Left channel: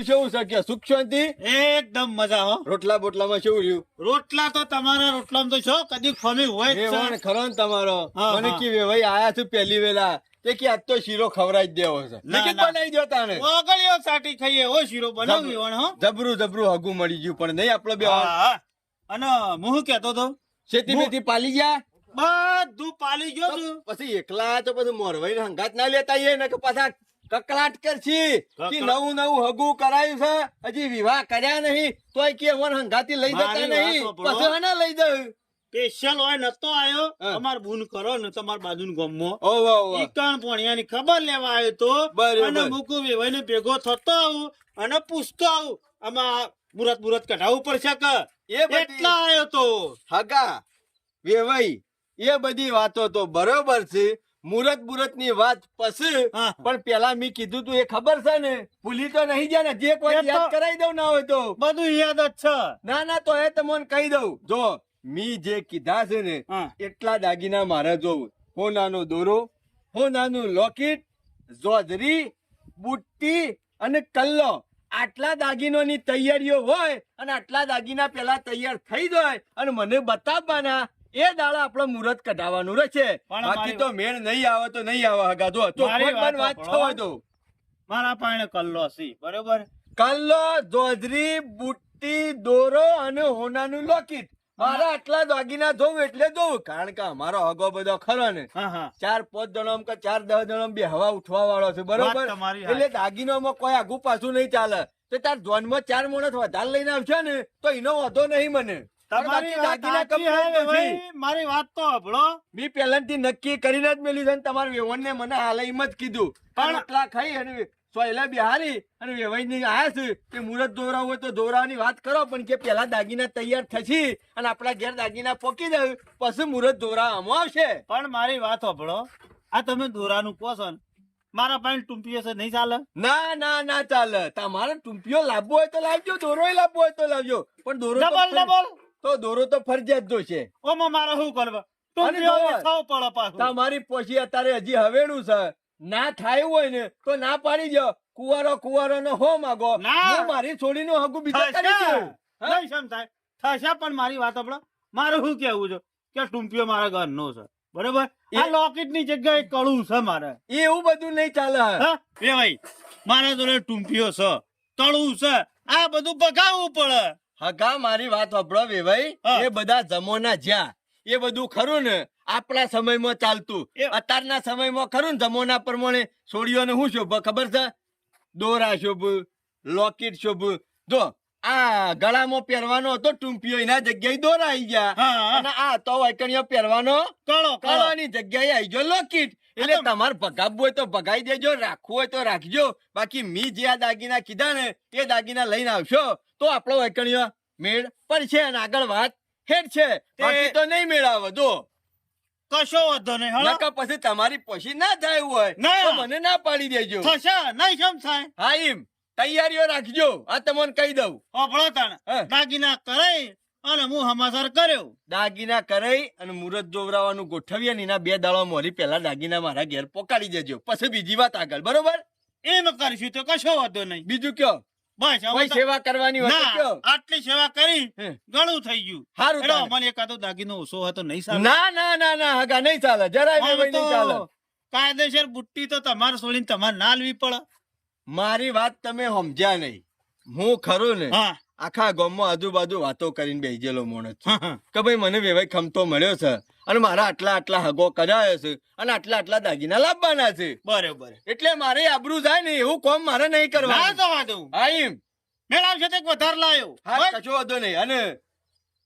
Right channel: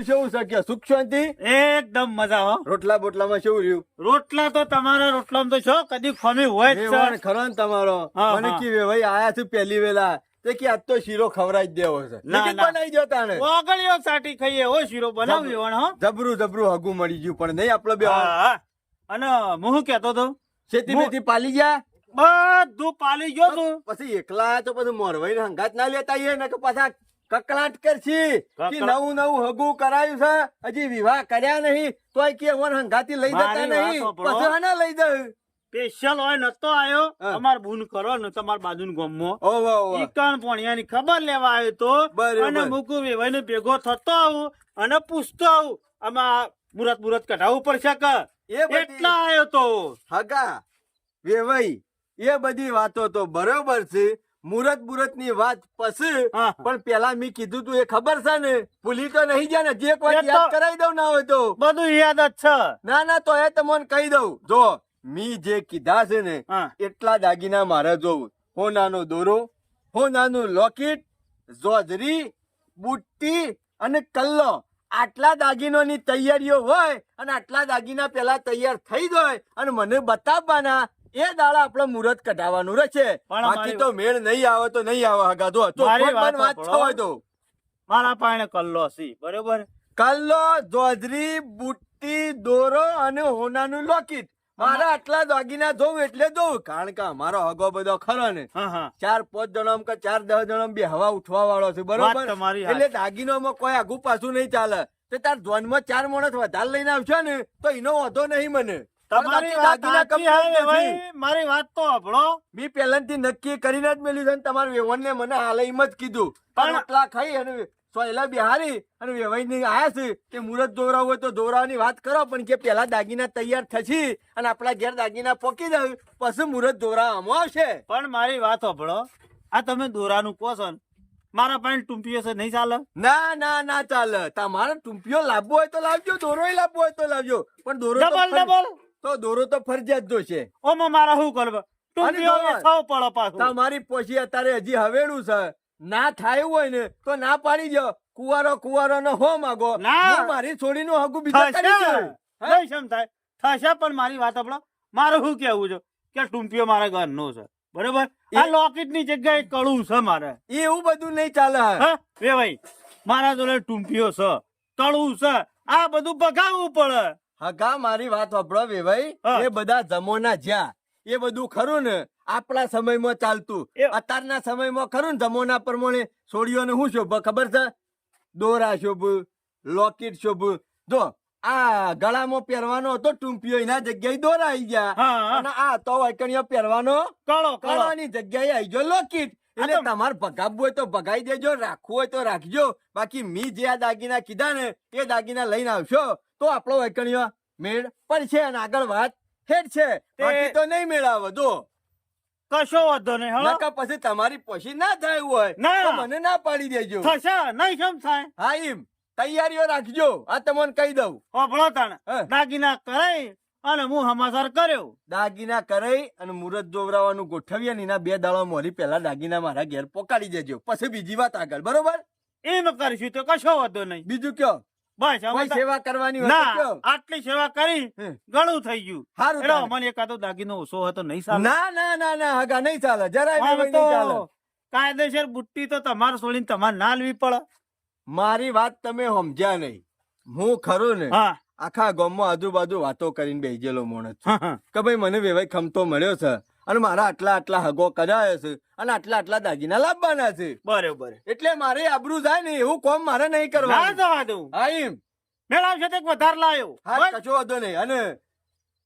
બધું કેવું છે કે સુખ શાંતિ? એકદમ મજા હો. રોટલા બોટલામાં કેવું રહ્યું? રોટલા તો તમારા રોટલામાં તો છો કદી ખમી હોય જ છે. વેવાણ ખરો ને તમારો. હા, મને હા. કે વેવાઈ આયા છું પહેલી વેલા તે કે આજ તો શીરો ખવડાવી જ દેવો છે. ના, નક્કી ના. બનાવી દો તાને. ઓગળીઓ સાટી ખાઈએ હો શીરો બનાવ્યો હો. જબરું હગું મળી ગયું પણ નહીં આપડે બે હા, હા. અને હું શું કહેતો તો શેતી બેતી પાલી ગયા. બધું પાલી ગયો તું. પછી એકલા તો બધું મોરવાઈ ને હંગાત ના લેતા આઈએ ને કે પાછા કકળાટ કરશી કે નવું હગું કરાયું છે હજી વિવાહ કર્યા નહીં તોય કે અમર હંગાતી લઈ જતા મારી વાત નહીં સાંભળો. પછી આના લઈ જાય. સ્પેશિયલ હોય નતો આયો હા. અમાર બૂન કરો ને તમાર બાજુનું ગામમાં ઓહો ઓહો. ઈકણ પોણિયાની ખબર લેવા આવ્યો તો બરાબર. અને મુકુ વેવાઈને ભેગો થતો આવું અને પૂછતો આવું આમાં મુરત કઢાવવું પડશે કે એ બધી એટલા આવ્યો તો હગા વેવાઈ એ બધી વાતો તો બરોબર છે. મુરત ની વાત પછી હા. પણ પેલા મેં કીધું તું એ ખબર છે ને ભૂલી તો નહીં જાય ને જે કોઈ એ તો- યાદ કરાવી દઉં ના હોય તો. બધું યાદ જ છે. ના તો એ તમને કહી દઉં જો મી જે કીધા છે ને હા. એટલા દાગીના મારે જોવું. હોનાનો દોરો, હોનાનું લોકેટ, જોજરી, બુટ્ટી અને કલ્લો આટલા દાગીનોની તૈયારીઓ હોય અને આટલા દાગીના પેલા તૈયાર થઈ જાય અને મને બતાવવાના એ દાડા આપણે મુહૂર્ત કઢાવવાનું રહેશે. પણ બાકી અમારી- તો મેળ નહીં આવે તો નહીં આવે હગા જો મારી ચોખવટ વાત વાત થવાય તો મારા પાણે કલ્લો છે બરોબર. કલ્લો, જોજરી, બુટ્ટી, દોરો અને હોનાનું લોકેટ મારા આટલા દાગીના જોઉં એટલે જોઉં કારણ કે અમારો હગો બધો ખરો ને હા 4-5 જણમ કે 4-10 જણમ બે હવા ઉઠવા વાળો છે બરોબર. વાત તમારી એટલે દાગીનોમાં કોઈ આગુ પાછું નહીં ચાલે. તો તાર જોનમાં 4 માણસ વધારે લઈને આવશે ને તો એનો વાંધો નહીં મને. પણ તમારી બાકી વાત દાગીના સાચી complete હે નથી. ભાઈ, મારી વાત તો સાંભળો. મેં પહેલાથી નક્કી કરીને જ મેલ્યું છે ને તમારા વેવણને મને હાલ એમ જ કીધું પણ આટલા ખાઈ અને સોયલા બિહારી અને વેવાઈને આયા છે કે મુહૂર્ત દોરાવું હોય તો દોરાવાની વાત કરો પણ કે પેલા દાગીના તૈયાર થશે અને આપણા ઘેર દાગીના પોકી જાય પછી મુહૂર્ત દોરાવામાં આવશે. પણ મારી વાત સાંભળો. આ તમે દોરાનું કહો છો ને, મારા પાસે ટૂંપીઓ છે નહીં ચાલે. ના ચાલે. તમારે ટૂંપીઓ લાવવો હોય તો લાવજો, દોરો લાવવો હોય તો લાવજો પણ દોરો તો ડબલ તો દોરો તો ફરજિયાત જોશે. ઓમાં મારા શું કરવા ટૂંપીઓ અને વેચાવો પડે પાછું. તમારી પોછી અત્યારે હજી હવેડું છે ના થાય હોય ને તો ના પાડી દો. કુવારો નો હો માગો ના. હું મારી છોડીનું હગું બીજા કરી થશે. દઉં. હા? નહીં શેમ થાય થશે પણ મારી વાત સાંભળો. મારું શું કેવું છે કે ટૂંપીઓ મારા ઘરનો છે બરોબર. આ લોકેટ ની જગ્યાએ કળું છે મારે. એવું બધું નહીં ચાલે. હા એ ભાઈ મારા જોડે ટૂંપીઓ છે, કળું છે, આ બધું પગાવવું પડે. હગા મારી વાત વાપરો વેભાઈ. હા. એ બધા જમોના જ્યાં એ બધું ખરું ને આપણા સમયમાં ચાલતું. અત્યારના સમયમાં ખરું ને જમોના પ્રમાણે છોડીઓને શું શોભ ખબર છે? દોરા શોભ, લોકેટ શોભ. જો આ ગળામાં પહેરવાનો હતો ટૂંપીઓ એના જગ્યાએ દોરા આવી ગયા હા. અને આ તો વાયકણીઓ પહેરવાનો કળો કળાની જગ્યાએ આવી ગયો લોકેટ. એટલે તમારે ભગાવવું હોય તો ભગાઈ દેજો, રાખવું હોય તો રાખજો. બાકી મી જે આ દાગીના કીધા ને એ દાગીના લઈને આવશો તો આપણો વાયકણીઓ મેળ પડશે અને આગળ વાત હેડ છે. બાકી તો નહીં મેળ આવે. જો કશો વાંધો નહીં હળો. નકર પછી તમારી પોશી ના થાય હોય ના. તો મને ના પાડી દેજો. થશે નહીં કેમ થાય. હા એમ તૈયારીઓ રાખજો. આ તમને કહી દઉં. હોભળો તાણે હા. દાગીના કરાઈ અને હું સમાચાર કર્યો. દાગીના કરાઈ અને મુહૂર્ત જોવરાવાનું ગોઠવીએ ને એના 2 દાડા મોરી પહેલા દાગીના મારા ઘેર પોકાડી દેજો. પછી બીજી વાત આગળ બરોબર. એમ કરીશું તો કશો વાંધો નહીં. બીજું કયો બસ હવે કોઈ તો- સેવા કરવાની હોય તો ના કયો. આટલી સેવા કરી હે. ઘણું થઈ ગયું. હારું એડો તાણે. મને એકાદો દાગીનો ઓછો હતો નહીં ચાલે. ના હગા નહીં ચાલે. જરાય આમ વેવાઈ નહીં ચાલે. તો કાયદેસર બુટ્ટી તો તમારે છોડીને તમારે ના લેવી પડે. મારી વાત તમે સમજ્યા નહીં. હું ખરું ને હા આખા ગામમાં આજુબાજુ વાતો કરીને બેસી ગયેલો માણસ છું. હા. કે ભાઈ મને વેવાઈ ખમતો મળ્યો છે અને મારા આટલા હગો કરાયો છે અને આટલા દાગીના લાવવાના છે. બરોબર. એટલે મારે આબરૂ જાય ને એવું કામ મારે નહીં ના કરવાનું. જવા દઉં. હા એમ મેળાવશે તો એક વધારે લાયો. હા બસ, કશો વાંધો નહીં. અને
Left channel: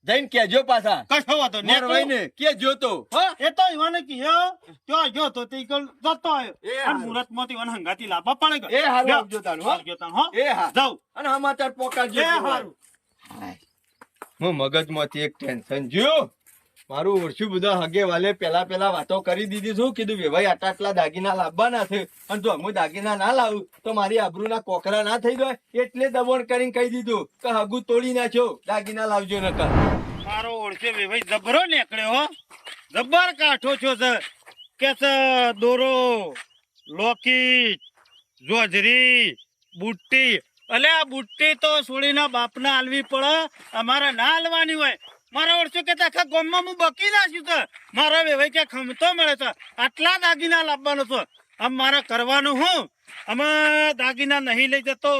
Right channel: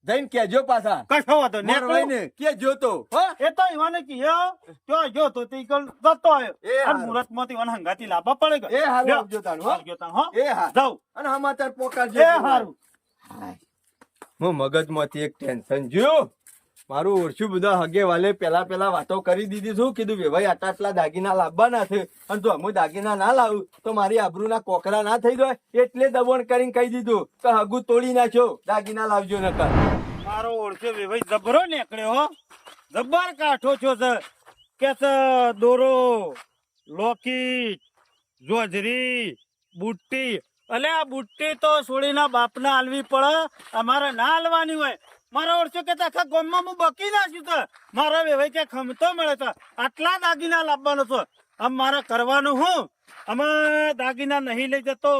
જઈને કેજો પાછા કશો વાંધો નહીં. મોરવાઈને કેજો તો. હા એ તો ઈવાને કીધું જો જો તો તે કલ જતો આવ્યો. એ અને હારું. મુરતમાંથી ઈવાને હંગાથી લાવવા પડે કે. એ હારું લ્યો. આવજો તાનું, હો. આવજો તાણ, હો. એ હા જાઉં. અને સમાચાર પોકારજો. એ હારું. હું મગજમાંથી એક ટેન્શન જ્યું. મારું ઓળખ્યું બધા હગે વાલે પેલા વાતો કરી દીધી. શું કીધું વેવાઈ આટલા દાગીના લાવવાના છે અને જો હું દાગીના ના લાવું તો મારી આબરૂના કોકરા ના થઈ જાય એટલે દબોણ કરીને કહી દીધું કે હગુ તોડી નાખ્યો, દાગીના લાવજો નકર. મારો ઓળખે વેવાઈ જબરો નીકળ્યો હો. જબ્બર કાઠો છો સર કે દોરો, લોકેટ, જોજરી, બુટ્ટી અલે આ બુટ્ટી તો છોડીના બાપને આલવી પડે, અમારે ના આલવાની હોય. મારા વર્ષો કે આખા ગામમાં હું બકી નાખ્યું છે. મારા વેવાઈ કે ખમતો મળે છે, આટલા દાગીના લાવવાનો છે. આમ મારે કરવાનું હું? અમે દાગીના નહીં લઈ જતો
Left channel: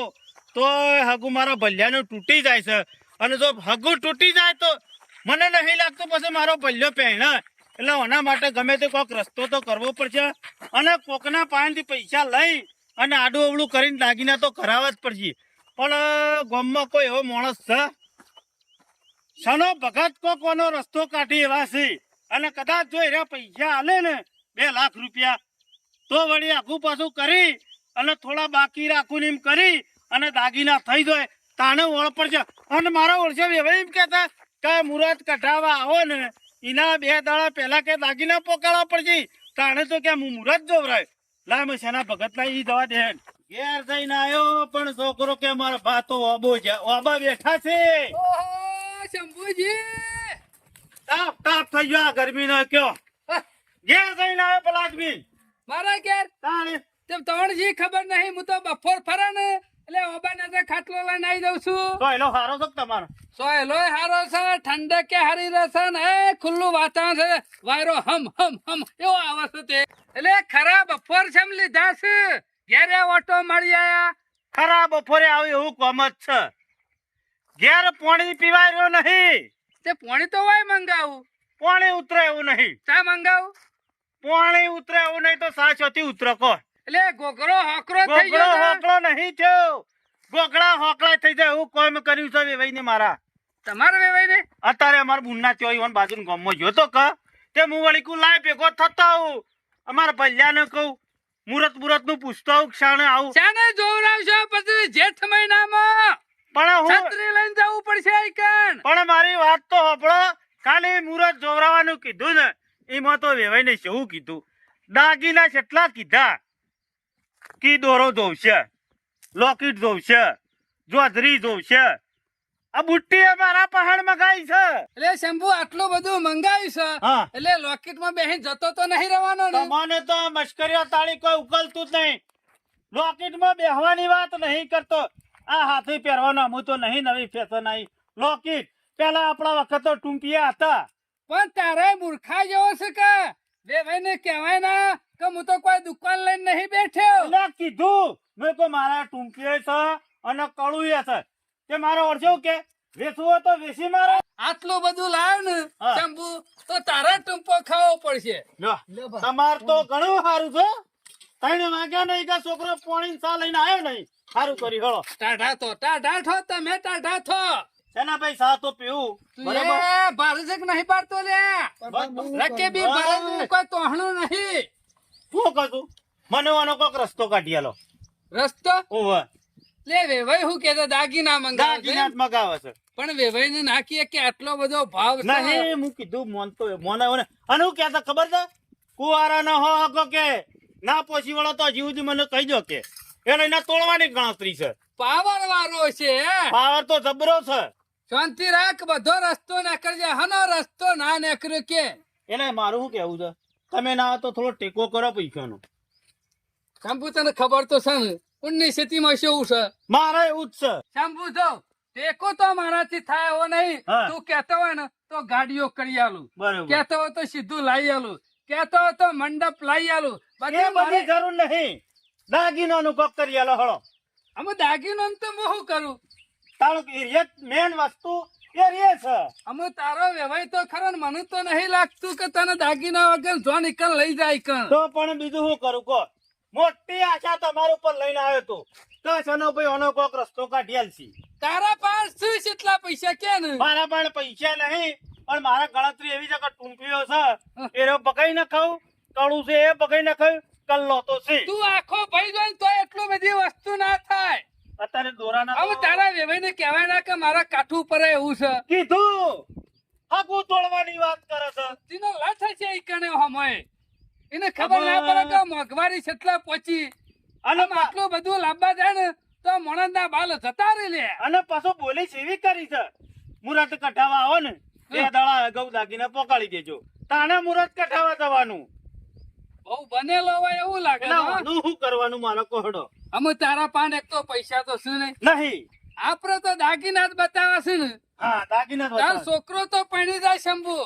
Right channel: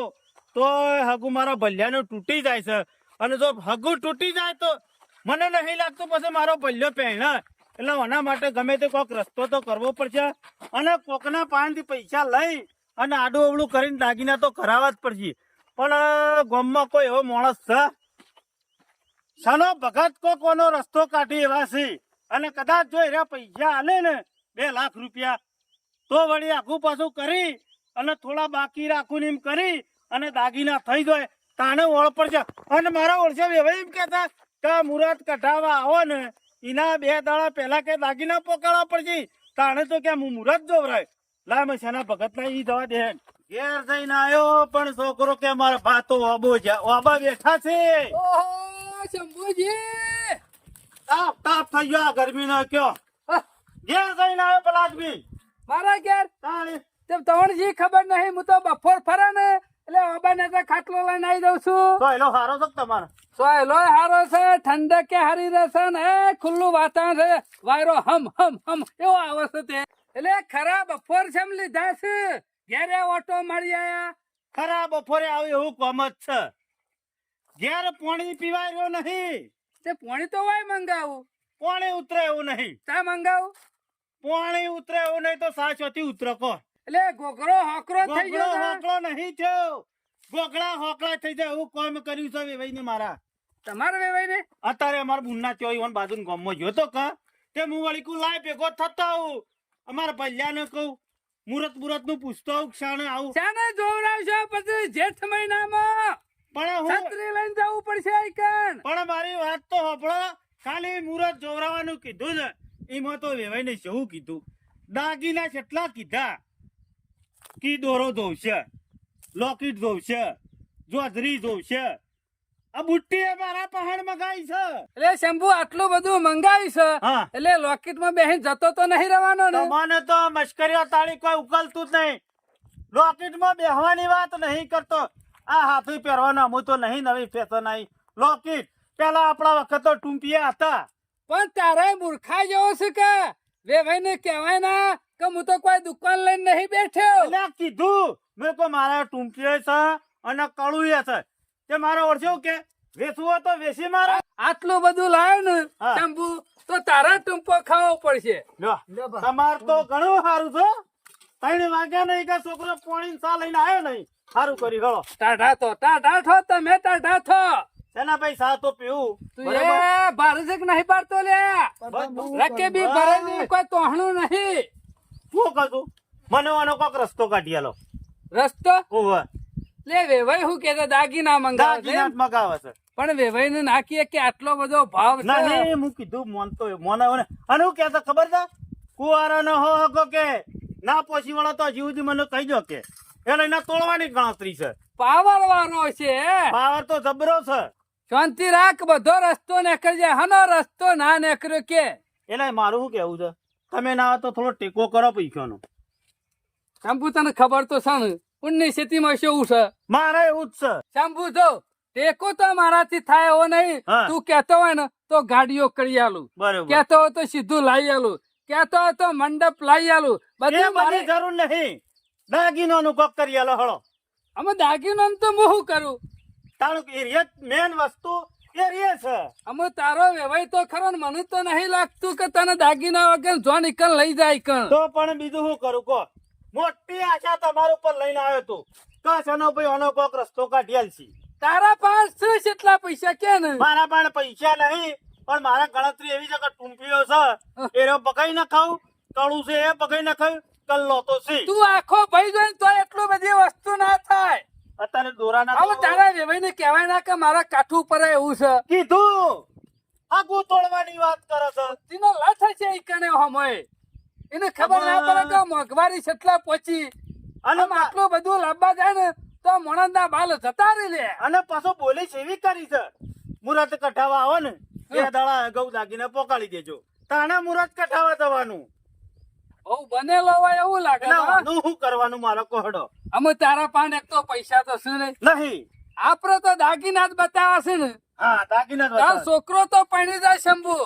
તો હગુ મારા ભલ્યાનું તૂટી જાય છે, અને જો હગુ તૂટી જાય તો મને નહીં લાગતું પછી મારો ભલ્યો પહેણે. એટલે એના માટે ગમે તે કોઈક રસ્તો તો કરવો પડશે, અને કોકના પાસેથી પૈસા લઈ અને આડું અવળું કરીને દાગીના તો કરાવવા જ પડશે. પણ ગામમાં કોઈ એવો માણસ છે સનો ભગત કોનો રસ્તો કાઢી એવા છે, અને કદાચ જો એના પૈસા આલે ને 2 લાખ રૂપિયા તો વળી આખું પાછું કરી અને થોડા બાકી રાખું ને એમ કરી અને દાગીના થઈ જાય તાને ઓળ પડશે. અને મારા ઓળશે એવા એમ કહેતા કે મુહૂર્ત કઢાવવા આવો ને એના 2 દાડા પહેલા કે દાગીના પોકાળવા પડશે, તાણે તો કે હું મુહૂર્ત જોવરાય. લા મેં શેના ભગત ના ઈ દવા દે. ઘેર જઈને આવ્યો પણ છોકરો કે મારા ભાતો ઓબા બેઠા છે. ઓહો શંભુજી, તાપ તાપ થઈ ગયો આ ગરમી નો કયો. ઘેર જઈને આવ્યો પેલા આદમી મારા ઘેર તાણે તેમ તવણજી ખબર નહીં, હું તો બપોર ફરે ને એટલે ઓબાને તો ખાટલો લઈને આવી દઉં છું. તો એનો હારો છે તમારો સોયલોય હારો છે, ઠંડકે હારી રહેશે ને ખુલ્લું વાતાવરણ છે, વાયરો હમ હમ હમ એવો આવે છે તે. એટલે ખરા બપોર છે એમ લીધા છે, ઘેરે ઓટો મળી આયા. ખરા બપોરે આવ્યું એવું કોમ જ છે. ઘેર પાણી પીવાય રહ્યો નહીં, તે પોણી તો હોય મંગાવું, પાણી ઉતરે એવું નહીં, ચા મંગાવું. પાણી ઉતરે એવું નહીં તો સાચોથી ઉતરે કો. એટલે ગોગરો હોકરો થઈ ગોગળો ગયો છે. હોકળો નહીં થયો, ગોગળા હોકળા થઈ જાય એવું કોમ કર્યું છે વેવાઈને મારા. તમારે વેવાય ને અત્યારે અમારા બુનના ચોઈ બાજુ ગામમાં ગયો તો કે તે હું વળી કુ લાય ભેગો થતો આવું, અમારા ભલ્યાને કહું મુરત નું પૂછતો આવું ક્ષણે આવું. ચાને જોવરાવશો પછી જેઠ મહિનામાં પણ હું છત્રી લઈને જવું પડશે આઈકન. પણ મારી વાત તો સાંભળો, ખાલી મુરત જોવરાવાનું કીધું ને એમાં તો વેવાઈને શું કીધું, દાગીના કેટલા કીધા કી દોરો જોવશે, લોકેટ જોવશે, જોધરી જોવશે. આ બુટ્ટી મારા પહાડ મગાઈ છે. એટલે શંભુ આટલું બધું મંગાવ્યું છે, હા એટલે લોકેટ માં બેસી જતો તો નહીં રહેવાનો ને. તમને તો મશ્કરીઓ તાળી કોઈ ઉકલતું જ નહીં. લોકેટ માં બેહવાની વાત નહીં કરતો, આ હાથી પહેરવાના હું તો નહીં, નવી ફેશન આવી લોકેટ. પેલા આપણા વખત તો ટૂંપિયા હતા. પણ તારે મૂર્ખા જેવો છે કે વેવાઈ ને કહેવાય ના કે હું તો કોઈ દુકાન લઈને નહીં બેઠ્યો. એટલે કીધું મેં તો મારા ટૂંપિયા છે અને કળુયા છે, તે મારા ઓળખ્યો કે વેચવું હોય તો વેચી મારો. આટલું બધું લાવ ને હા. શંભુ તો તારા ટૂંપો ખાવો પડશે. તમાર તો ઘણું સારું છે. 3 વાગ્યા નહીં કે છોકરો પાણી ચા લઈને આવ્યો નહીં, સારું કરી હળો. ટાઢા થો તમે, ટાઢા થો. એના ભાઈ સા તો પીવું તું બરાબર. એ ભારત નહીં પાડતો લે, રકે બી ભરેલું કોઈ તોહણું નહીં. શું કશું મને આનો કોક રસ્તો કાઢી આલો. રસ્તો ઓવે લે વેવાઈ હું કેતો દાગીના મંગાવે છે. દાગીના જ મગાવે છે. પણ વેવાઈ ને નાખીએ કે આટલો બધો ભાવ છે. નહીં હું કીધું મોનતો મોને ને અને હું કહેતો ખબર છે, કુવારા નો હો હકો કે ના પોસી વાળો તો હજી સુધી મને કહી દો કે એને એના તોડવાની ગણતરી છે. પાવર વાળો છે. પાવર તો જબરો છે. શાંતિ રાખ, બધો રસ્તો નીકળજે. હનો રસ્તો ના નીકળ્યો કે એટલે મારું શું કેવું છે, તમે ના તો થોડો ટેકો કરો પૈસાનો. શંભુ તને ખબર તો છે ને 19 માં શું છે. મારે એવું જ છે. શંભુ જો ટેકો તો મારાથી થાય એવો નહીં. હા. તું કેતો હોય ને તો ગાડીઓ કરી આલું, બરોબર કેતો હોય તો સીધું લાવી આલું, કેતો હોય તો મંડપ લાવી આલું. એ બધી બધી જરૂર નહીં, દાગીનાનું કોક કરી આલો હળો. અમે દાગીનો તો હું શું કરું? તારું મેન વસ્તુ એ રે છે. અમે તારો વેવાય તો ખરો ને, મને તો નહીં લાગતું કે તને દાગીના વગર જો નીકળ લઈ જાય કણ. તો પણ બીજું શું કરું કહો, મોટી આશા તમારા ઉપર લઈને આવ્યો તું તો સનો ભાઈ ઓનો કોક રસ્તો કાઢી આલશી. તારા પાંચ શું કેટલા પૈસા કે ને? મારા પણ પૈસા નહીં, પણ મારા ગણતરી એવી છે કે ટૂંપીઓ છે એ બગાઈ ન ખાવ, કળું છે એ બગાઈ ન ખાવ, કલ્લો તો છે. તું આખો ભાઈ જોઈને તો એટલું બધી વસ્તુ ના થાય. અત્યારે દોરાના હવે તારા વેવાઈ ને કહેવાય ના કે મારા કાઠું પર એવું છે. કીધું આગુ તોડવાની વાત કરે છે. તેનો લથ છે ઈ કણે હમય. એને ખબર ના પડે કે મોંઘવારી કેટલા પહોંચી. અને આમ આટલું બધું લાંબા જાય ને તો મોણંદના બાલ જતા રહી લે. અને પાછો બોલી સેવી કરી છે, મુરત કઢાવા આવો ને 2 દાડા અગાઉ દાગીને પોકાળી દેજો, તાણે મુરત કઢાવા જવાનું. બહુ બનેલો હોય એવું લાગે. એટલે હા? આનું શું કરવાનું મારો કોહડો? અમે તારા પાન એક તો પૈસા તો શું નહીં નહીં. આપડે તો દાગીના જ બતાવે છે ને હા, દાગીના જ તાર બતાવે. છોકરો તો પૈણી જાય શંભુ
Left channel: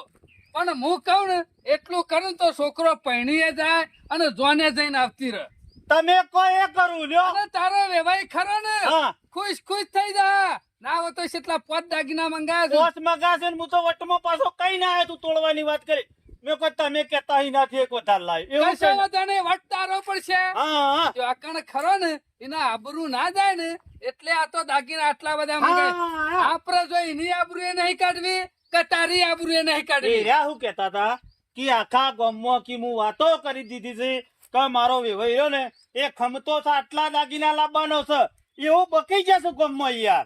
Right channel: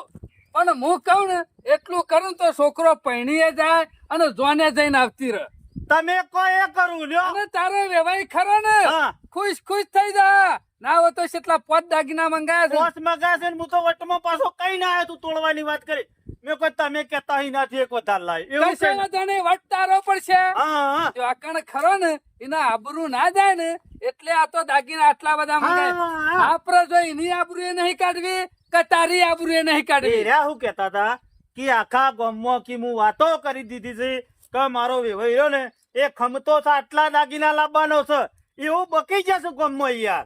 પણ હું કહું ને એટલું કરું તો છોકરો પૈણીએ જાય અને જોને જઈને આવતી રહે તમે કો એ કરું લ્યો. અને તારો વ્યવહાર ખરો ને હા. ખુશ ખુશ થઈ જા ના હોય તો કેટલા 5 દાગીના મંગાયા પોસ મગા છે ને હું તો વટમાં પાછો કઈ ના આવ્યો. તું તોડવાની વાત કરી. મેં કોઈ તમે કહેતા ય નથી એક વધારે લાય છે એવું છે કશો ને? વાંધો નહીં, વટ તારો પડશે હા, હા. જો આકણ ખરો ને એના આબરૂ ના જાય ને એટલે આ તો દાગીના આટલા બધા મંગાય હા, હા. આપડે જો એની આબરૂ એ નહીં કાઢવી કે તારી આબરૂ એ નહીં એ કાઢવી રહ્યા શું કહેતા હતા કે આખા ગામમાં કે હું વાતો કરી દીધી છે કે મારો વેવાયો ને એ ખમતો છે આટલા દાગીના લાવવાનો છે એવું બકી જશે ગામમાં યાર.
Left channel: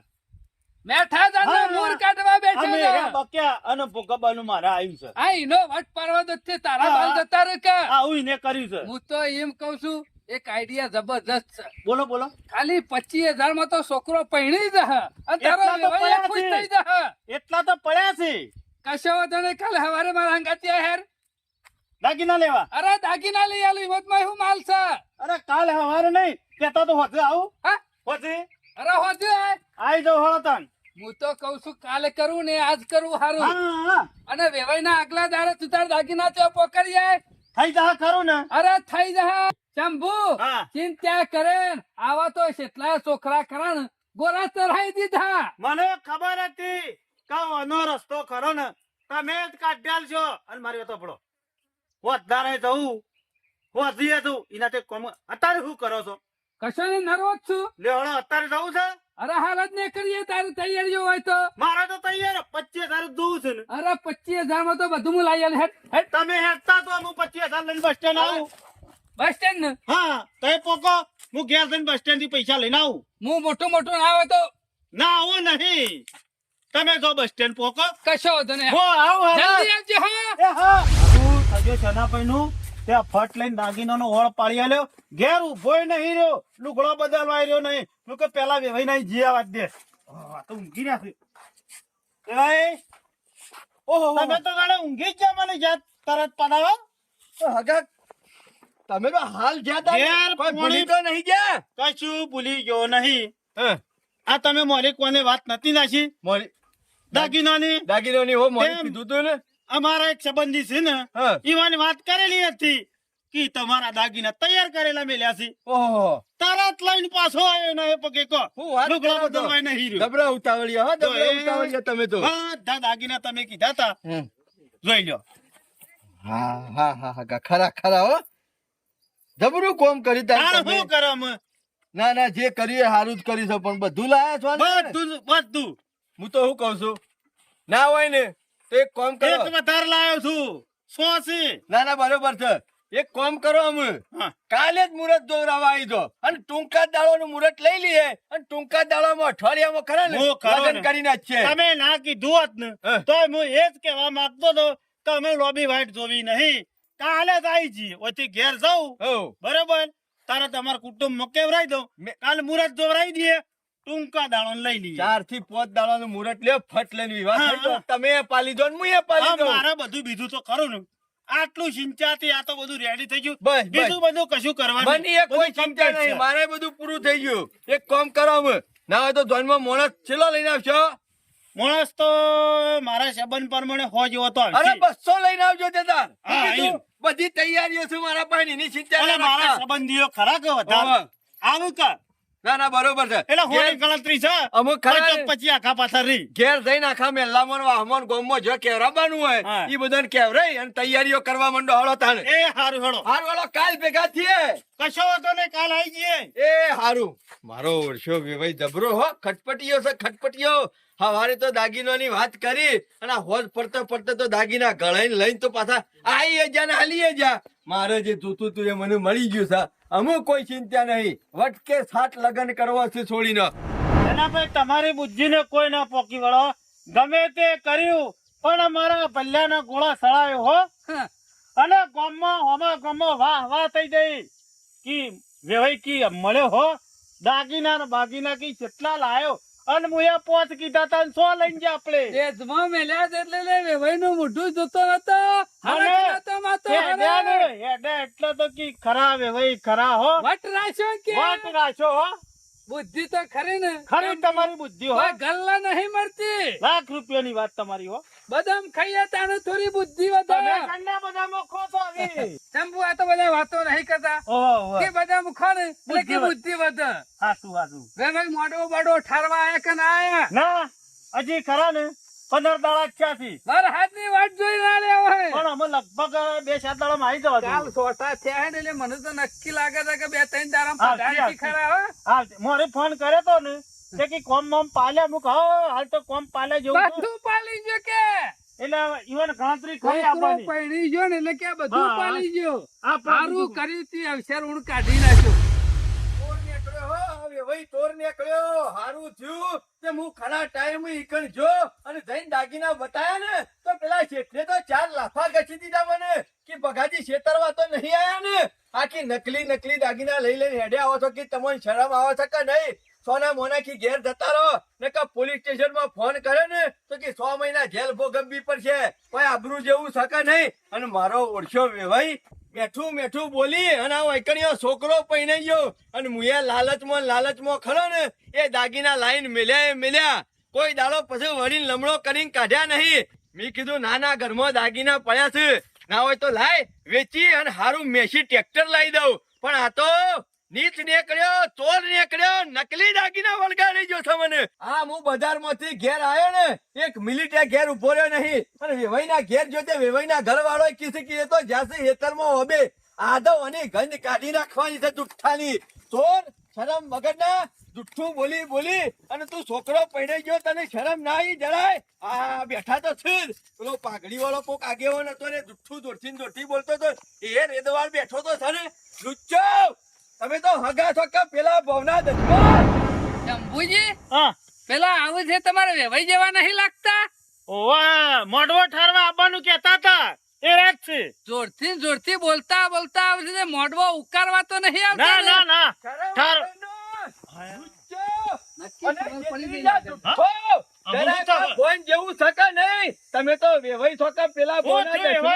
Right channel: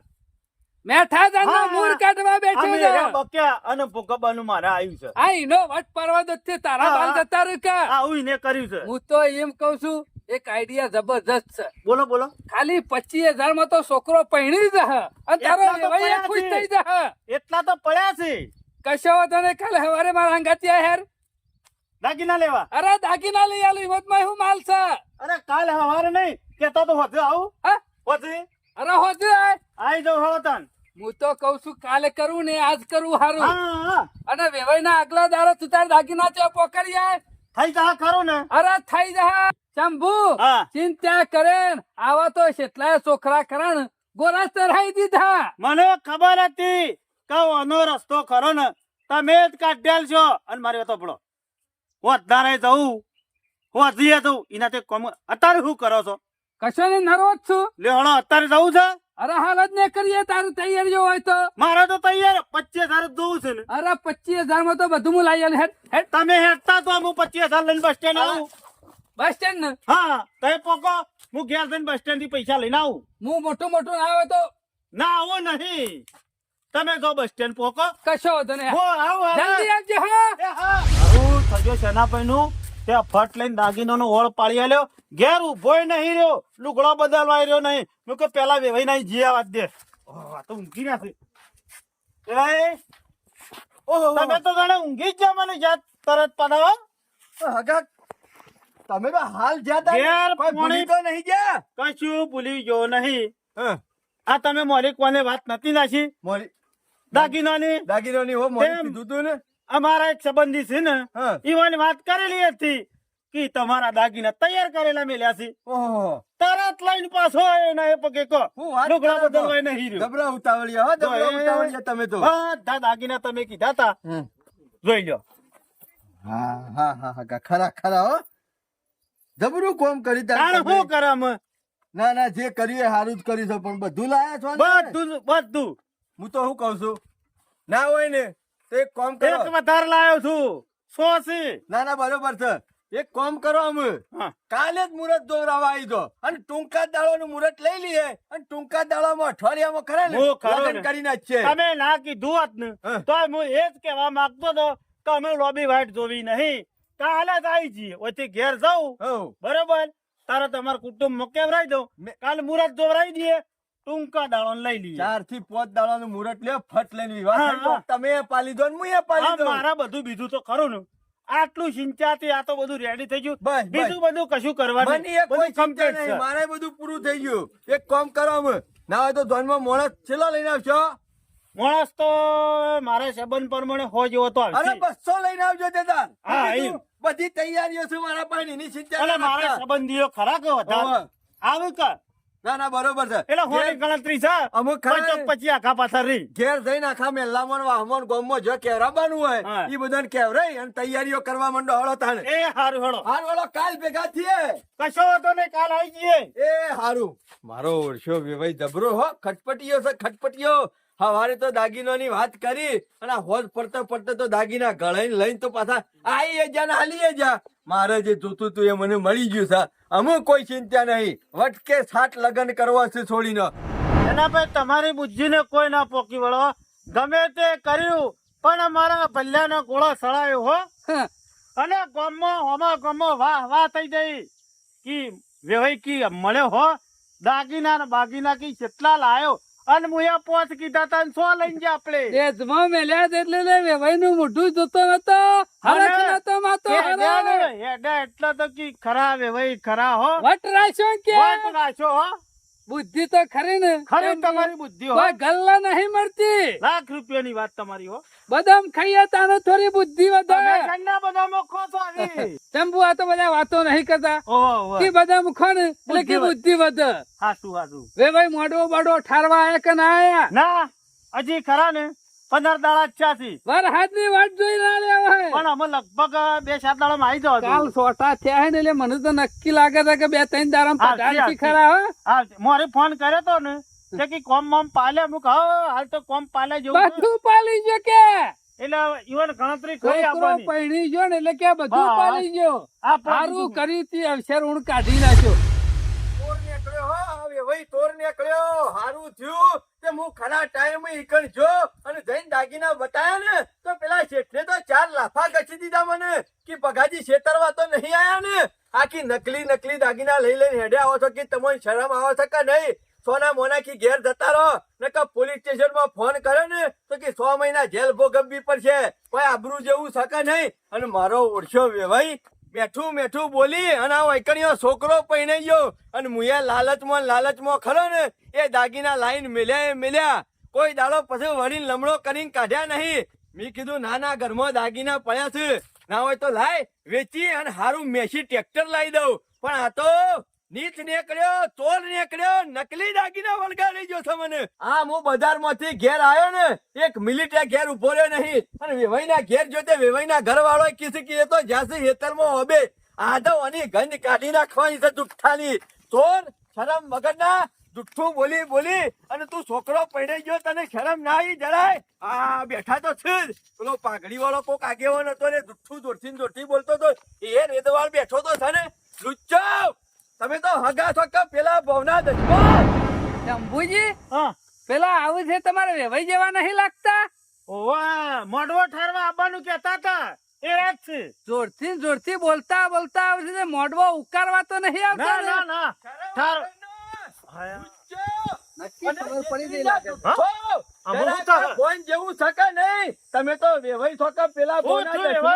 મેઠા જાનનો હા. મૂળ કાઢવા બેઠો અમે છે. રહ્યા બક્યા અને ભોગવવાનું મારે આવ્યું છે. આ ઈનો વટ પડવા દો છે તારા હા. બાલ જતા રહ્યું કે આવું એને કર્યું છે. હું તો એમ કઉ છું એક આઈડિયા જબરજસ્ત છે બોલો બોલો. ખાલી 25,000 માં તો છોકરો પૈણી જશે અને તારો એટલા તો વેવાઈ પડ્યા ખુશ છે. થઈ જશે એટલા તો પડ્યા છે કશો વાંધો નહીં કાલે સવારે મારા હંગાતી આય હેર દાગીના લેવા. અરે દાગીના લઈ આલી હિંમતમાં શું માલ છે અરે કાલ હવારે નહીં કેતા તો હોજે આવું. હા હોજે અરે હોજે આય. આઈ જાવ હળો તાન. હું તો કઉ છું કાલે કરું ને આજ કરું હારું હા, હા. અને વેવાઈ ના આગલા દાડો તું તાર દાગીના તો પકડી આય થઈ જા ખરું ને. અરે થઈ જા શંભુ હા. ચિંતા કરે આવા તો કેટલાય છોકરા ખરા ને ગોરા ચઢાઈ દીધા મને ખબર હતી કે આનો રસ્તો ખરો ને તમે જ કાઢ્યાલ છો અને મારી વાતો પડો વધારે જવું હોજીએ જવું એનાથી કોમ અત્યારે શું કરો છો? કશો ને નરો જ છું લે હળો અત્યારે જવું છે. અરે હાલ જ ને કરીએ તારી તૈયારીઓ હોય તો મારે તો તૈયાર 25,000 જોવું છે ને. અરે 25,000 માં તો બધું હું લાવી આલું. હેડ હેડ તમે હેઠતા તો હું 25,000 લઈને બસ સ્ટેન્ડ આવું. બસ સ્ટેન્ડ ને હા તો પોકો હું ઘેર જઈને બસ સ્ટેન્ડ થી પૈસા લઈને આવું. હું મોટું મોટું ના આવે તો ના આવું નહીં. તમે જો બસ સ્ટેન્ડ પોકો. કશો વાંધો નહીં. હો આવો જલ્દી આવજો હા એ હા હું સજે સેનાપતિનું તે ફટ લઈને દાગીનાનો ઓળ પાડી આલ્યો. ઘેર ઉભોય નહીં રહ્યો, લુગડો બદલવાય રહ્યો નહીં. મેં કહ્યું પેલા વેવાઈ નહીં જીયા વાત દે. આ તો ઊંઘી રહ્યા છે. એ ઓહો તમે તો જાણે ઊંઘી જ જા મને યાદ તરત પડાવો. હગા તમે તો હાલ જ્યાં તા ઘેર કોઈ ભૂલી તો નહીં ગયા કશું ભૂલી ગયો નહીં. હા આ તમે મોલી કોને વાત નથી નાખી મોરી દાગીનાની? દાગીનોની હો મોરી કેમ? કીધું તું ને અમારા એક સંબંધી છે ને હા ઈવાની વાત કરેલી હતી કે તમારા દાગીના તૈયાર કરેલા મેલ્યા છે. ઓહો તરત લઈને પાછો આવ્યો ને એ પગે કો હું વાત લુગડા કરો તો. બદલવાય નહીં રહ્યો. દબરા ઉતાવળિયા હો દબરા તો એ- ઉતાવળિયા તમે તો બધા દાગીના તમે કીધા તા હમ. જોઈ લ્યો. હા હા હા હા ખરા ખરા હો જબરું કોમ કરી તારી તાણે તમે. શું કરે અમે? ના ના જે કર્યું એ સારું જ કરી છે પણ બધું લાયા છો ને? બધું હું તો શું કઉ છું ના હોય ને તો એક કામ કરો એક વધારે લાયો છું. 100 છે. ના ના બરોબર છે એક કામ કરો અમે હા. કાલે જ મુહૂર્ત દોરાવા આવી દો અને ટૂંકા દાડોનું મુહૂર્ત લઈ લઈએ અને ટૂંકા દાડામાં અઠવાડિયામાં ખરા ને હું ખરો લગ્ન ને. કરી નાખીએ. તમે ના કીધું હોત ને હા. તો હું એ જ કહેવા માંગતો હતો કે અમે લોબી વાઇટ જોવી નહીં. કાલે જ આવી જઈએ. ઓથી ઘેર જાઉં હોવ. બરોબર. તારે તમારા કુટુંબ કેવરાઈ દઉં. કાલે મુહૂર્ત દોરાઈ દઈએ. ટૂંકા દાડો લઈ લઈએ. 4 થી 5 દાડાનું મુહૂર્ત લ્યો ફટ લઈને વિવાહ હા, કરી દો. હા. તમે એ પાલી દો ને હું એ પાલી હા, દઉં. મારા બધું બીજું તો ખરું ને. આટલું સિંચાથી આ તો બધું રેડી થઈ ગયું. બસ, બસ. બીજું બધું કશું કરવાનું મને એ કોઈ બધું ચિંતા complete નહીં છે. મારે બધું પૂરું થઈ ગયું એક કામ કરો અમે ના હોય તો ધોનમાં મોણસ છેલ્લો લઈને આવશો માણસ તો મારા સંબંધ પ્રમાણે હો જેવો તો અરે આવશે. 200 લઈને આવજો દાદા હા, બીજું બધી તૈયારીઓ છે મારા પાસે એની ચિંતા એટલે ના મારા રાખતા. સંબંધીઓ ખરા કે વધારે હોવે. આવું કા ના ના બરોબર છે એટલે હોની ઘેર- ગણતરી છે. અમુક ખરા પછી તો પછી આખા પાછા રહી. ઘેર જઈને આખા મેલ્લામાં ને વાહમાં ને ગામમાં જો કેવરાવાનું હોય હા. ઈ બધાને કેવરાઈ અને તૈયારીઓ કરવા માંડો હળો તાણે એ હારું હેડો. હારું હળો કાલ ભેગા થઈએ કશો વાંધો નહીં, કાલ આવી જઈએ. એ હારું મારો વર્ષો ભાઈ જબરો હો ખટપટીયો છે ખટપટીયો હવારે તો દાગીનોની વાત કરી અને આ હોજ પડતા પડતા તો દાગીના ગળાઈને લઈને તો પાછા આઈએ જા ને હાલીએ જા મારે જે જોતું તું એ મને મળી ગયું છે અમુક કોઈ ચિંતા નહીં વટકે સાત લગન કરવા છે છોડીને એના પછી તમારી બુદ્ધિને કોઈ ના પોકી વળો. ગમે તે કર્યું પણ મારા ભલ્યાના ગોળા સળાયો હો. હમ. અને ગામમાં વાહ વાહ થઈ ગઈ કી વેવાઈ કી મળ્યો હો. દાગીના ને બાગીના કી કેટલા લાયો અને મુએ 5 કીધા તા 100 લઈને જા આપણે તેજમાં મેલ્યા છે એટલે લે વેવાઈનું મોઢું જોતો નતો. હરખ નતો માતો હરખ. હેડા એટલે તો કી ખરા વે ભાઈ ખરા હો વટ રાખ્યો કે વાત રાખ્યો હો બુદ્ધિ તો ખરી ને. ખરી તમારી બુદ્ધિ હો કોઈ ગલ્લા નહીં મળતી. ₹1,00,000 વાત તમારી હો બદામ ખાઈએ તાણે થોડી બુદ્ધિ વધે. તમે કંડા બધામાં ખો છો આવી ચંપુ આ તો બધા વાતો નહીં કરતા ઓહો કે બદામ ખો ને એટલે કે બુદ્ધિ વધે. હાસુ વે ભાઈ મોઢો બડો ઠારવા આયા કે ના આયા? ના હજી ખરા ને 15 દાડા ચાથી વાર હાથની વાટ જોઈ ના લેવા હે. પણ અમે લગભગ 2-7 દાડામાં આવી જાવ કાલ સોટા થયા હે ને એટલે મને તો નક્કી લાગે છે કે 2-3 દાડામાં હા, પગાર હા, ખરા હો. હા મોરે ફોન કર્યો તો ને તે કે કોમ મોમ પાલ્યા મુક હાલ તો કોમ પાલ્યા જેવું છે. બધું પાલી ગયો કે એટલે ઈવન ગણતરી કરી છોકરો આપવાની પૈણી ગયો ને એટલે કે બધું હા, પાલી ગયો. આ પણ સારું બધું. કર્યું તી અક્ષર ઊણ કાઢી નાખ્યો. તોર નીકળ્યો હો હવે ભાઈ તોર નીકળ્યો હારું થયું કે હું ખરા ટાઈમ ઈકણ જો અને જઈને દાગીના બતાયા ને તો પેલા શેઠને તો 4 લાફા ગછી દીધા મને કે બગાજી છેતરવા તો નહીં આયા ને આખી નકલી દાગીના લઈ લઈને હેડે આવો છો કે તમને શરમ આવે છે કે નહીં સોના મોના કી ઘેર જતા રહો નકર પોલીસ સ્ટેશન માં ફોન કરે ને તો કે 100 મહિના જેલ ભોગવવી પડશે કોઈ આબરૂ જેવું શકે નહીં અને મારો ઓળખ્યો વેવાઈ મેઠું બોલી અને આ વૈકણીયો છોકરો પૈણાઈ ગયો અને મુએ લાલચમાં ખરો ને એ દાગીના લાઈન મેલ્યા કોઈ દાડો પછી વળીને લમણો કરીને કાઢ્યા નહીં મેં કીધું નાના ઘરમાં દાગીના પડ્યા છે ના હોય તો લાય વેચી અને હારું મેસી ટ્રેક્ટર લાવી દઉં પણ આ તો નીચ નીકળ્યો ચોર નીકળ્યો નકલી દાગીના વળગાડી ગયો છે મને હા હું બજારમાંથી ઘેર આવ્યો ને એક મિલિટરી ઘેર ઉભો રહ્યો નહીં અને વેવાઈના ઘેર જોતે વેવાઈના ઘરવાળો કીધું કે એ તો જ્યાંથી હેતરમાં હોબે આદવની ગંજ કાઢી નાખવાની છે જુઠ્ઠાની ચોર શરમ વગરના જુઠ્ઠું બોલી અને તું છોકરો પૈણાઈ ગયો તને શરમ ના આવી જરાય આ બેઠા તો છે જ પેલો પાઘડી વાળો કોક આગેવાન હતો ને જુઠ્ઠું દોડથી બોલતો તો એ રેદવાળ બેઠો તો છે ને લુચ્ચો તમે તો હગા છો કે પેલા ભવના દસમો શંભુજી હા પેલા આવું છે તમારે વેવાઈ જેવા નહીં લાગતા? ઓવા મોઢવો ઠારવા આવવાનું કહેતા હતા એ રાત છે જોરથી બોલતા આવે છે મોઢવો ઉકારવા તો નહીં આવતા ને? ના ઠાર નક્કી ખબર પડી ગઈ લાગે. ફોન જેવું શકે નહીં તમે તો વેવાઈ છો કે પેલા ભવના દસમો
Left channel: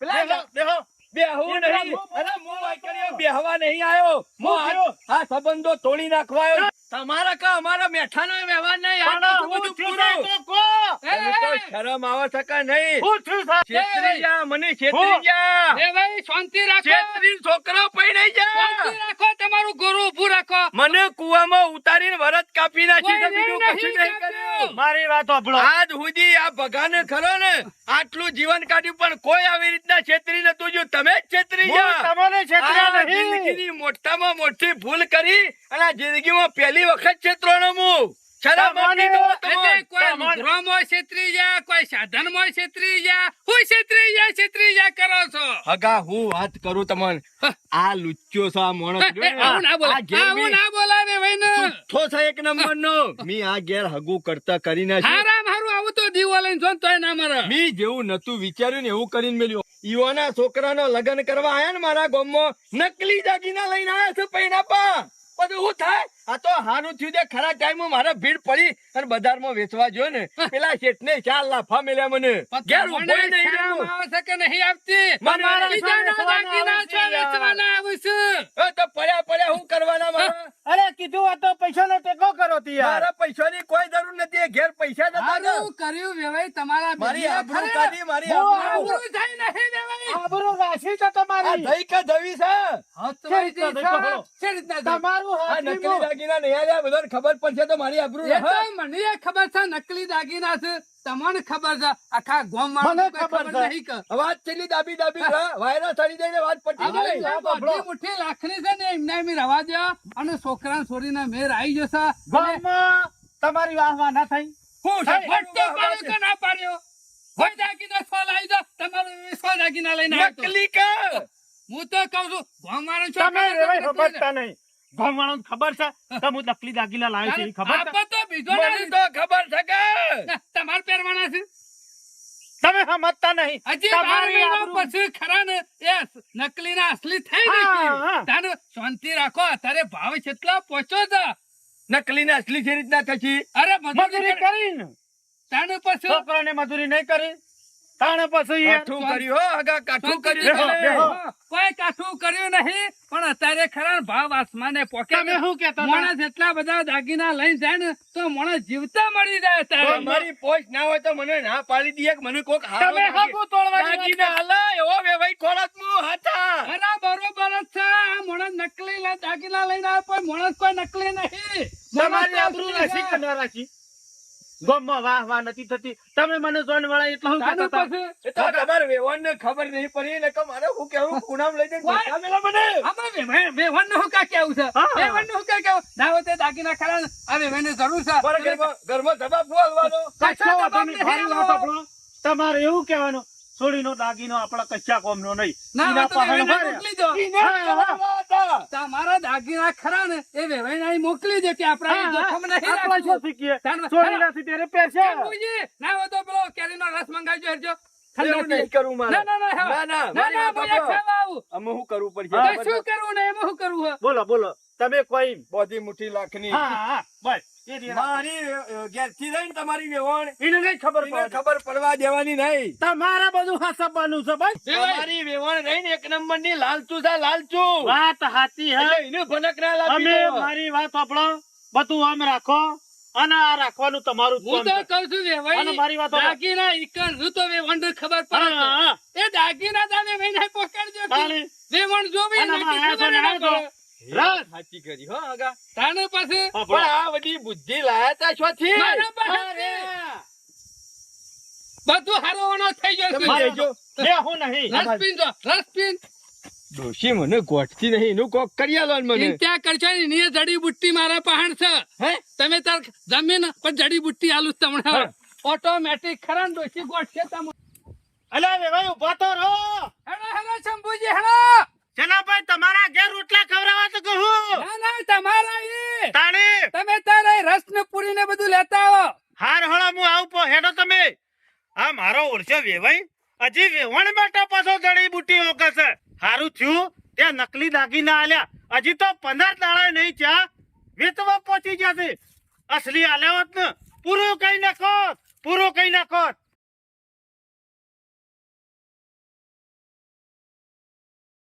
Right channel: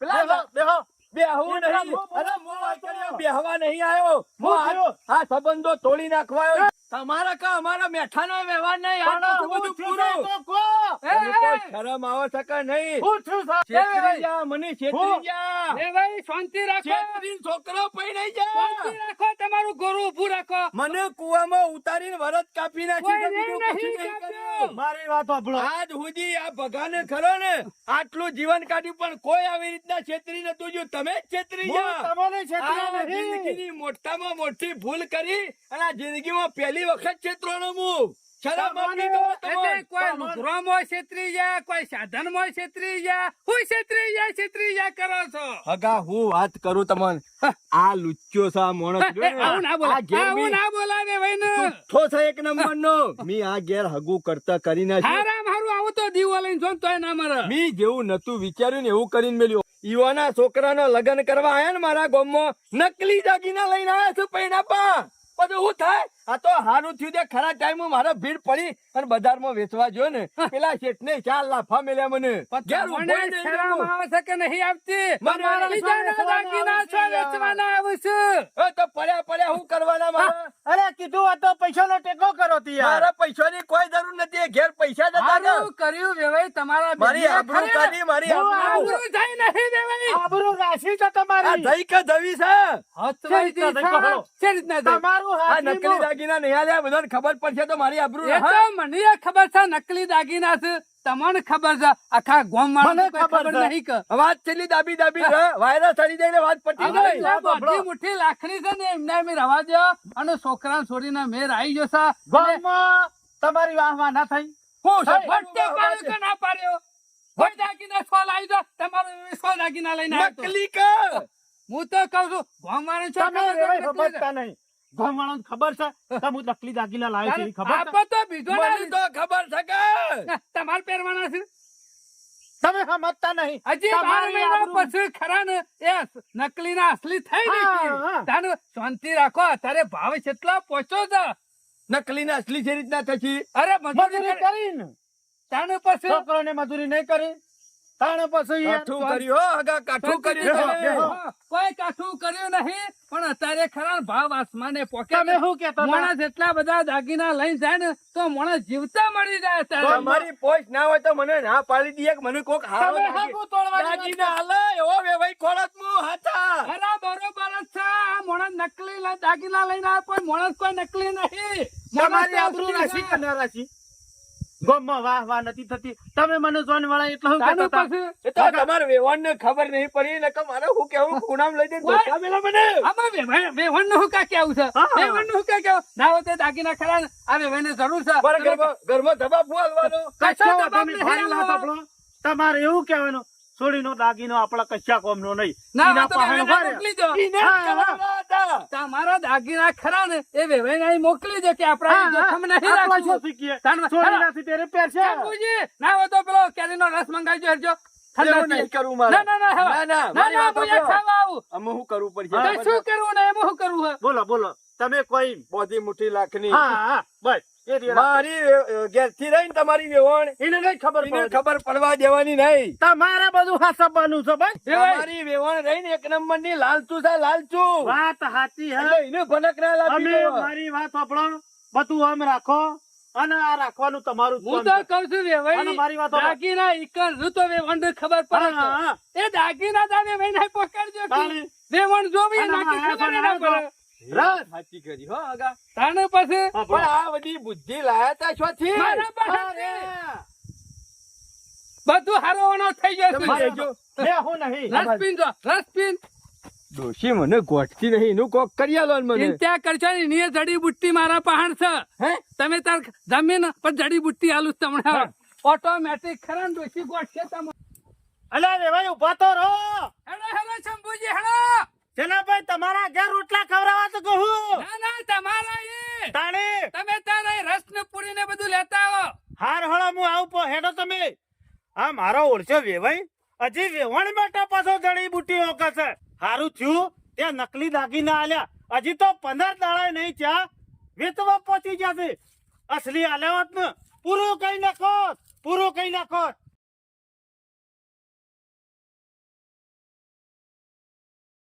પેલા દેહો બેહવું નહીં અરે હું વાંકડીયો બેહવા નહીં આવ્યો હું આ સંબંધો તોડી નાખવા આવ્યો તમારા કા અમારા મેઠાનો વ્યવહાર નહીં આ બધું પૂરું તમે તો શરમ આવે છે કે નહીં છેતરી જા મને છેતરી જા વેવાઈ શાંતિ રાખો. છેતરી છોકરો પૈણાઈ જા શાંતિ રાખો, તમારું ગોરું ઊભું રાખો. મને કુવામાં ઉતારીને વરત કાપી નાખી છે બીજું કશું નહીં કર્યું મારી વાત સાંભળો આજ સુધી આ ભગાને ખરો ને આટલું જીવન કાઢ્યું પણ કોઈ આવી રીતના છેતરી નતું જો તમે જ છેતરી હું જા તમને આ છેતર્યા નહીં જિંદગીની મોટામાં મોટી ભૂલ કરી અને આ જિંદગીમાં પહેલી વખત છેતરોનો હું શરમ આપી દો એટલે તમને. કોઈ લુગડામાં છેતરી જાય, કોઈ સાધનમાં છેતરી જાય, હું છેતરી જાય કરો છો. હગા હું વાત કરું તમને આ લુચ્ચો છે આ માણસ જો ને, આવું ના આ બોલાય, ઘેર આવું બી ના બોલાય વેવાઈ ને. જુઠ્ઠો છે એક નંબરનો મી આ ઘેર હગું કરતા કરી નાખ્યું હારામ હારું આવું તો દીવો લઈને જો ને તોય ના મરે. મી જેવું નતું વિચાર્યું ને એવું કરીને મેલ્યો ઈવાના છોકરાનો લગ્ન કરવા આયા ને મારા ગામમાં નકલી દાગીના લઈને આયા છે પૈણાપા બધું શું થાય આ તો હારું થયું છે ખરા ટાઈમમાં મારા ભીડ પડી અને બજારમાં વેચવા જો ને પેલા શેઠને 4 લાફા મેલ્યા મને ઘેર તમને ઉભોય નહીં શરમ રહ્યો. આવે છે કે નહીં આવતી? મને બીજાના દાગીના છો વેચવાના આવું છું. એ તો પડ્યા હું કરવાના મારા અરે કીધું આ તો પૈસાનો ટેકો કરો તી યાર મારા પૈસાની કોઈ જરૂર નથી એ ઘેર પૈસા જતા રહ્યા. હારું કર્યું વેવાઈ તમારા મારી બેનને આબરૂ ખરે. કાઢી મારી હું આબરૂ આબરૂ જાય નહીં વેવાઈ. આબરૂ રાશી છે આ તમારી દઈ કે દવી છે હથવાઈ રીતના દી દેખો છે. ખરો. શી રીતના દેખો? તમારું આ નકલી હાથીમાં દાગીના નહીં આલ્યા બધાને ખબર પડશે તો મારી આબરૂ એ રહે. તો મને એ ખબર છે નકલી દાગીના છે, તમને ખબર છે, આખા ગામમાં મને કોઈ ખબર છે. નહીં કે. અવાજ છેલ્લી દાબી રહે વાયરસ ચડી જાય વાત પટી હવે જાય જે બધી મુઠ્ઠી લાખણી છે ને એમને એમ રવા દો અને છોકરાને છોડીને મેર આવી જશે. ગામમાં તમારી વાહ ના થઈ હું છે? વટ્ટો પાડ્યો કે ના પાડ્યો? કોઈ દાગીના સોલ આવી જાઓ, તમારું સો દાગીના લઈને આવ્યો તો. નકલી કે હું તો કઉ છું ગામવાળાને શું તમે ખબર રેવાય નથી? ખબરતા નહીં ગામવાળાને ખબર છે તમે નકલી દાગીના લાવ્યો છે એ ખબર છે આપો તો બીજો મને તો ખબર છે કે ના, તમારે પહેરવાના છે. તમે સમજતા નહીં હજી 12 તમારી મહિના આબરૂ- પછી ખરા ને એ નકલી ના અસલી થઈ હા, ગઈ હા. તાનું શાંતિ રાખો અત્યારે ભાવ કેટલો પહોંચ્યો છે નકલી ને અસલી છે રીતના થશે? અરે મજૂરી કરીને તાને પછી છોકરાને મજૂરી નહીં કરી તાણે પછી યાર. કાઠું કર્યું હો, આગા કાઠું કર્યું બેહો, તમે. બેહો. કોઈ કાઠું કર્યું નહીં પણ અત્યારે ખરા ભાવ આસમાને પોકે તમે શું કહેતા હતા? માણસ એટલા બધા દાગીના લઈને જાય ને તો માણસ જીવતા મળી જાય અત્યારે. તમારી પોસ્ટ ના હોય તો મને ના પાડી દઈએ કે મને કોક હારો તમે હાકુ તોડવાની વાત દાગીના હાલે એવો વેવાઈ ખોરાક હું હાથા. અરે બરોબર જ છે આ માણસ નકલી દાગીના લઈને આવે કોઈ માણસ કોઈ નકલી નહીં. તમારી આબરૂ રાશી કે ના રાશી ગામમાં વાહ નથી થતી. તમે મને જોન વાળા એટલે શું તાનું કહેતા હતા? પછી એ તો તમારે વેવાણને ખબર નહીં પડી ને કે મારે હું કેવું પૂનમ લઈ જઈને ધોકા મેલા મને. આમાં વેવણનું શું કાં કેવું છે? હા. વેવણનું શું કાં કેવું? ના હોય તો દાગીના ખરા ને આ વેવણની જરૂર છે. મારા ઘરમાં જવાબ બોલવાનો. કશો વાંધો નહીં, મારી વાત સાંભળો. તમારે એવું કહેવાનું સોડીનો દાગીનો આપણા કચ્ચા કોમનો નહીં. ના, એના આ તો પાહેણો વેવાઈને હોય ને, મોકલી દો. ઈને હા, કરવાના હતા. તમારા દાગીના ખરા ને એ વેવાઈને અહીં મોકલી દો કે આપણા હા, જોખમ નહીં આપણા રાખવું. શું શીખીએ? તાન- સોડી રાશી ત્યારે પહેરશે. શંભુજી, ના હોય તો પેલો કેરીનો રસ મંગાવજો હેરજો. એવું નહીં કરવું મારે. ના, ના, ના, હા. ના, ના, ના, મારી ના, વાત હું અહીંયા સાંભળો. ખાવા આવું. અમે શું કરવું પડશે હા, તો ખબર શું છે? કરવું ને એમાં શું કરવું હે? બોલો બોલો તમે કોઈ બોધી મુઠ્ઠી લાખની. હા હા બસ એ જ રાખો. મારી ઘેરથી રહીને તમારી વેવણ એને નહીં ખબર એને પડે. ખબર પડવા દેવાની નહીં. તમારે બધું હાસવાનું છે બસ. તમારી વેવણ રહીને એક નંબરની લાલચુ છે લાલચુ. વાત સાચી હે. એટલે એને ભનક ના લાગી અમે દો. મારી વાત સાંભળો, બધું આમ રાખો અને આ રાખવાનું તમારું જ હું કામ તો છે. કઉ છું વેવાઈ અને મારી વાત સાંભળો. દાગીના ઈકણ છું તો વેવણને ખબર પડે હા, છે. હા. એ દાગીના તમે વેવાઈને પકડજો કે તાળી. વેવણ જોવી અને નક્કી આ ખબર છે ને ના આ તો. પડે. રાત. સાચી કરી હો આગા. તાણે પછી પણ સાંભળો. આ બધી બુદ્ધિ લાયા તા શોથી? મારા પાસે અરે, બધું હારવાનો થઈ ગયો તમે છે. લેજો. બેહું નહીં. રસ પીન જો, રસ પીન. ડોશી મને ગોઠતી નહીં એનું કોક કરી આલો ને મને. ચિંતા કરશો નહીં, ની એ જડીબુટ્ટી મારા પહાણ છે. હે? તમે તાર જમીન પર જડીબુટ્ટી આલું જ તમને હા. ઓટોમેટિક ખરા ને ડોશી ગોઠશે તમે. અલા રે ભાઈ ઉભા તો રહો. Hello hello Shambhuji hello. Janabhai તમારા ઘેર રોટલા ખવડાવવા તો કહું. ના ના તમારા ઈ. તાણે તમે તારે રસ ને પૂરી ને બધું લેતા આવો. હાર હળો હું આવું પો હેડો તમે. આ મારો ઓળખ્યો વેવાઈ હજી વેવણ બેઠા પાછો જડીબુટ્ટી ઓકશે. હારું થયું ત્યાં નકલી દાગીના આલ્યા. હજી તો 15 દાડા નહીં ચા વેચવા પહોંચી જશે. અસલી આલ્યા હોત ને પૂરું કઈ નાખો, પૂરું કઈ નાખો.